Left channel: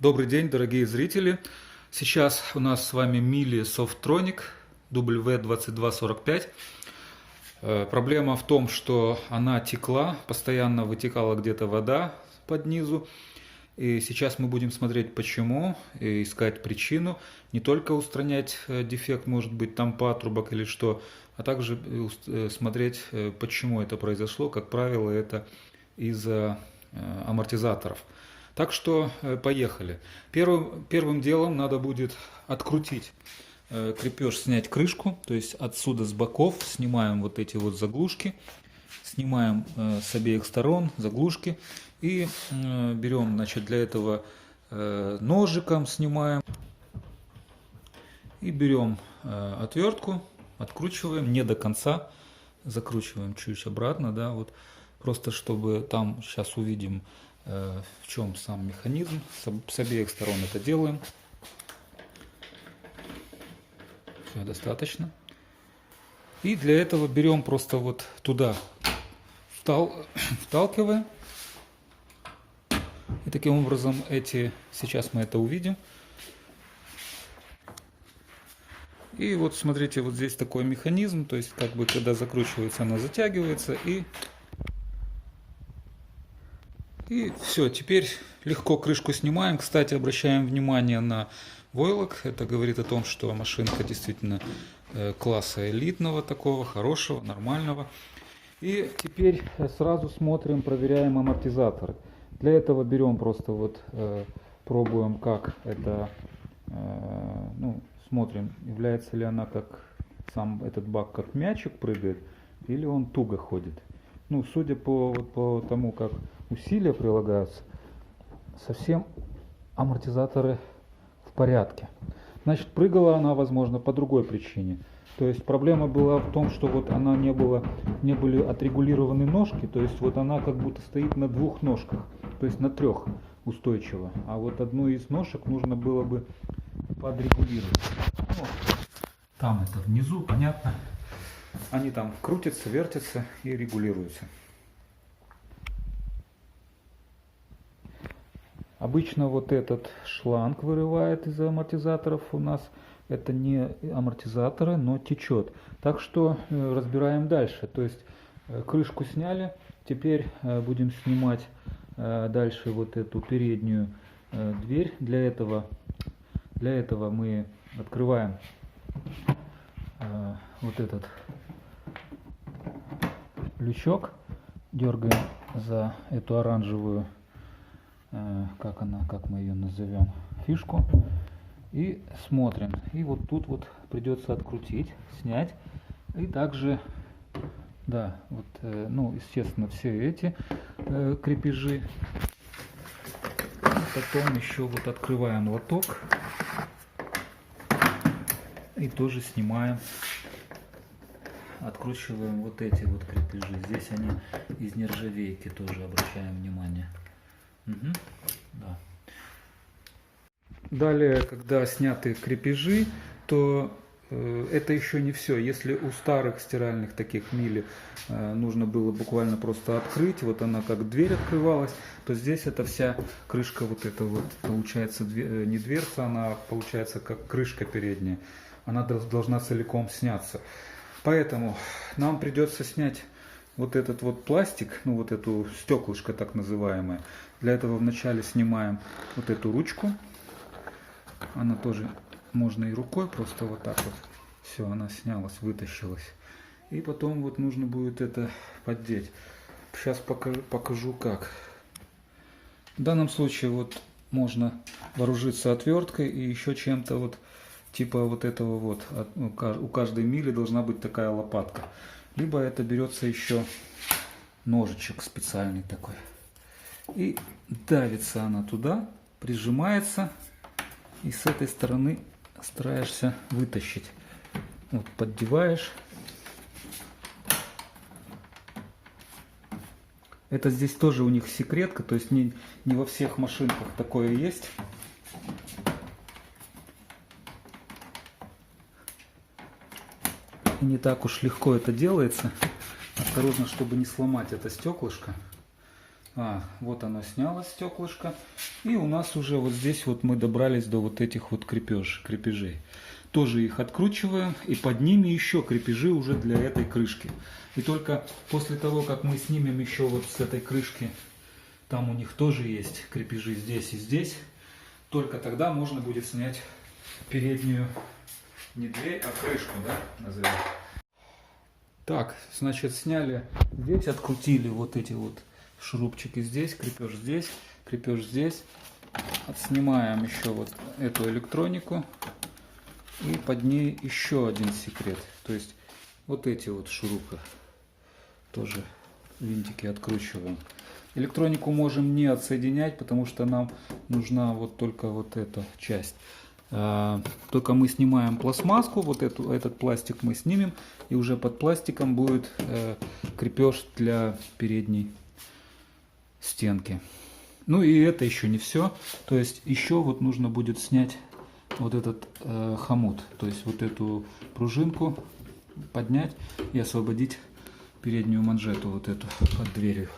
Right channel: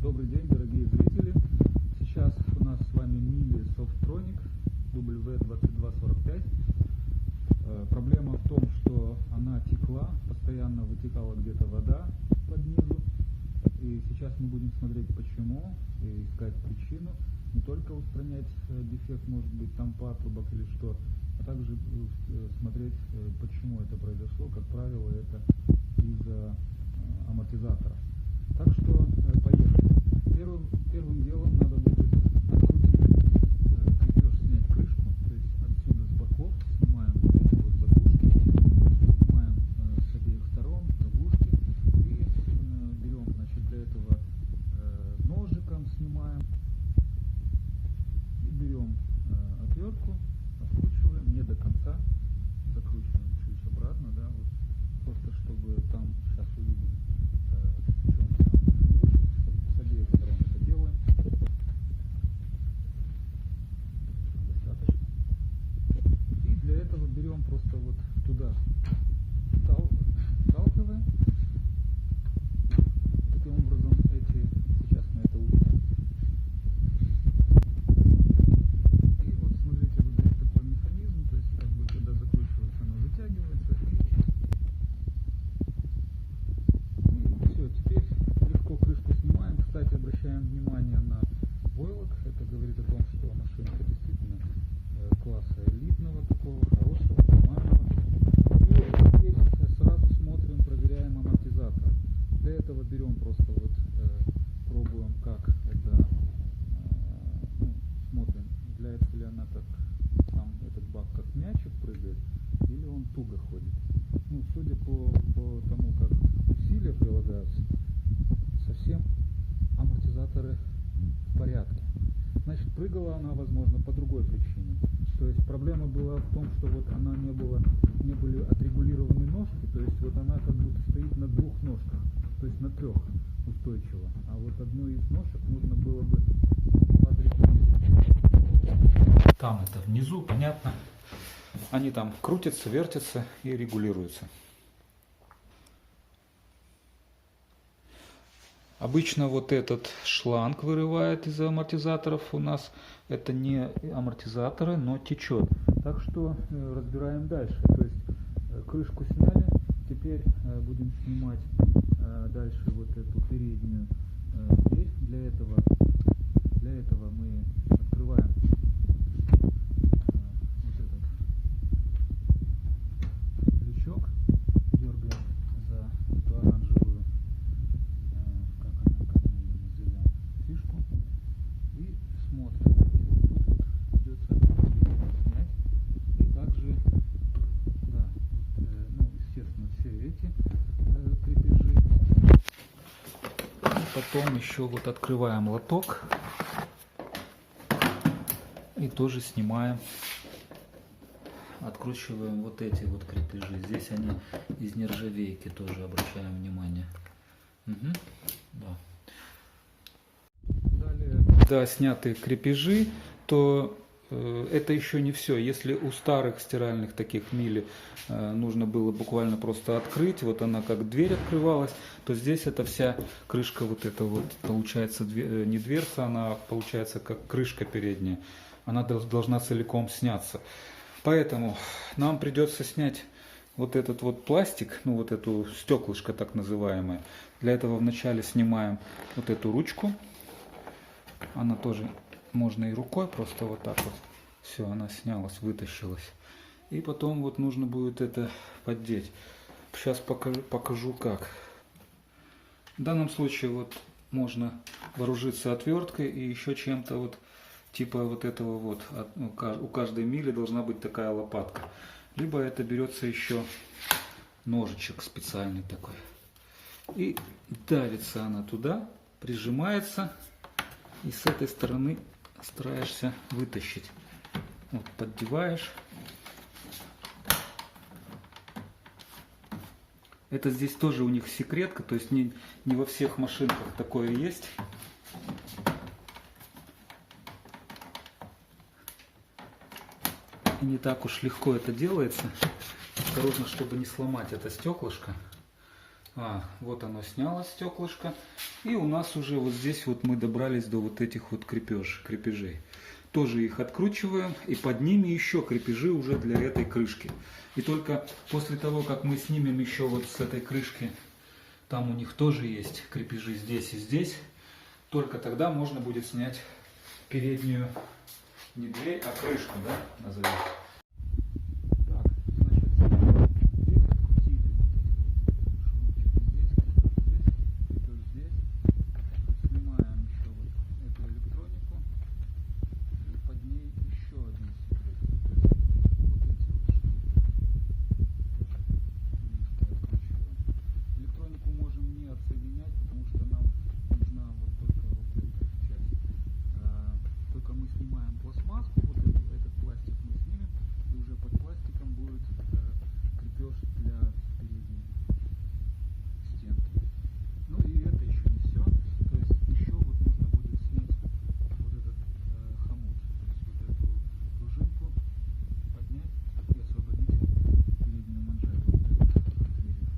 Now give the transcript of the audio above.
Добрый день, дорогие зрители! Сейчас у нас с вами Mille Softronic W2245. Проблема в том, что она текла, постоянно вытекала где-то вода под низу. И сейчас мы будем смотреть почему, и искать причину. Не только устранять дефект, может быть там патрубок или что, а также смотреть, почему это произошло. Как правило, это из-за амортизаторов. Так что поехали. Первым делом надо будет открутить крепеж, снять крышку, то есть отсюда с боков снимаем вот эти вот заглушки, снимаем с обеих сторон заглушки и берем, значит, для этого ножиком снимаем и берем отвертку, откручиваем не до конца, закручиваем чуть обратно, да, вот просто чтобы там сейчас увидим, в чем сам механизм. С обеих сторон это делаем. Все достаточно. И для этого берем просто вот туда, вталкиваем. И таким образом сейчас мы это увидим. И вот смотрите, вот здесь такой механизм, то есть как бы когда закручивается, она затягивается и все, теперь легко крышку снимаем. Кстати, обращаем внимание на войлок. Это говорит о том, что машинка действительно класса элитного, такого хорошего, нормального. И теперь сразу смотрим, проверяем амортизаторы. Для этого берем просто вот, пробуем, как это, смотрим, является ли она как сам этот бак, как мячик прыгает, или он туго ходит. Судя по тому, как усилия прилагаются, совсем амортизаторы в порядке. Значит, прыгала она, возможно, по другой причине. То есть проблема была в том, что вот она не были отрегулированы ножки, то есть вот она как будто стоит на двух ножках, то есть на трех устойчиво. А вот одну из ножек нужно было бы подрегулировать. Там это внизу, понятно. Они там крутятся, вертятся и регулируются. Обычно вот этот шланг вырывает из амортизаторов у нас. Это не амортизаторы, но течет. Так что разбираем дальше. То есть крышку сняли. Теперь будем снимать дальше вот эту переднюю дверь. Для этого мы открываем вот этот лючок, дергаем за эту оранжевую, как мы ее назовем, фишку, и смотрим. И вот тут вот придется открутить, снять, и также, да, вот, естественно, все эти крепежи. И потом еще вот открываем лоток и тоже снимаем. Откручиваем вот эти вот крепежи. Здесь они из нержавейки, тоже обращаем внимание. Угу. Да. Далее, когда сняты крепежи, то это еще не все. Если у старых стиральных таких Милли нужно было буквально просто открыть, вот она как дверь открывалась, то здесь эта вся крышка, вот эта вот, получается не дверца, она получается как крышка передняя. Она должна целиком сняться. Поэтому нам придется снять вот этот вот пластик, вот эту стеклышко так называемое. Для этого вначале снимаем вот эту ручку. Она тоже можно и рукой, просто вот так вот. Все, она снялась, вытащилась. И потом вот нужно будет это поддеть. Сейчас покажу как. В данном случае вот можно вооружиться отверткой и еще чем-то вот. Типа вот этого вот, у каждой Милли должна быть такая лопатка. Либо это берется еще ножичек специальный такой. И давится она туда, прижимается. И с этой стороны стараешься вытащить. Вот, поддеваешь. Это здесь тоже у них секретка, то есть не во всех машинках такое есть. И не так уж легко это делается. Осторожно, чтобы не сломать это стеклышко. Вот оно снялось, стеклышко. И у нас уже вот здесь вот мы добрались до вот этих вот крепежей. Тоже их откручиваем, и под ними еще крепежи уже для этой крышки. И только после того, как мы снимем еще вот с этой крышки, там у них тоже есть крепежи здесь и здесь, только тогда можно будет снять переднюю, не дверь, а крышку, да, назовем. Так, значит, сняли здесь, открутили вот эти вот шурупчики здесь, крепеж здесь. Снимаем еще вот эту электронику. И под ней еще один секрет. То есть вот эти вот шурупы тоже винтики откручиваем. Электронику можем не отсоединять, потому что нам нужна вот только вот эта часть. Только мы снимаем пластмасску, вот этот пластик мы снимем, и уже под пластиком будет крепеж для передней стенки. Ну и это еще не все. То есть еще вот нужно будет снять вот этот хомут, то есть вот эту пружинку поднять и освободить переднюю манжету вот эту под дверью.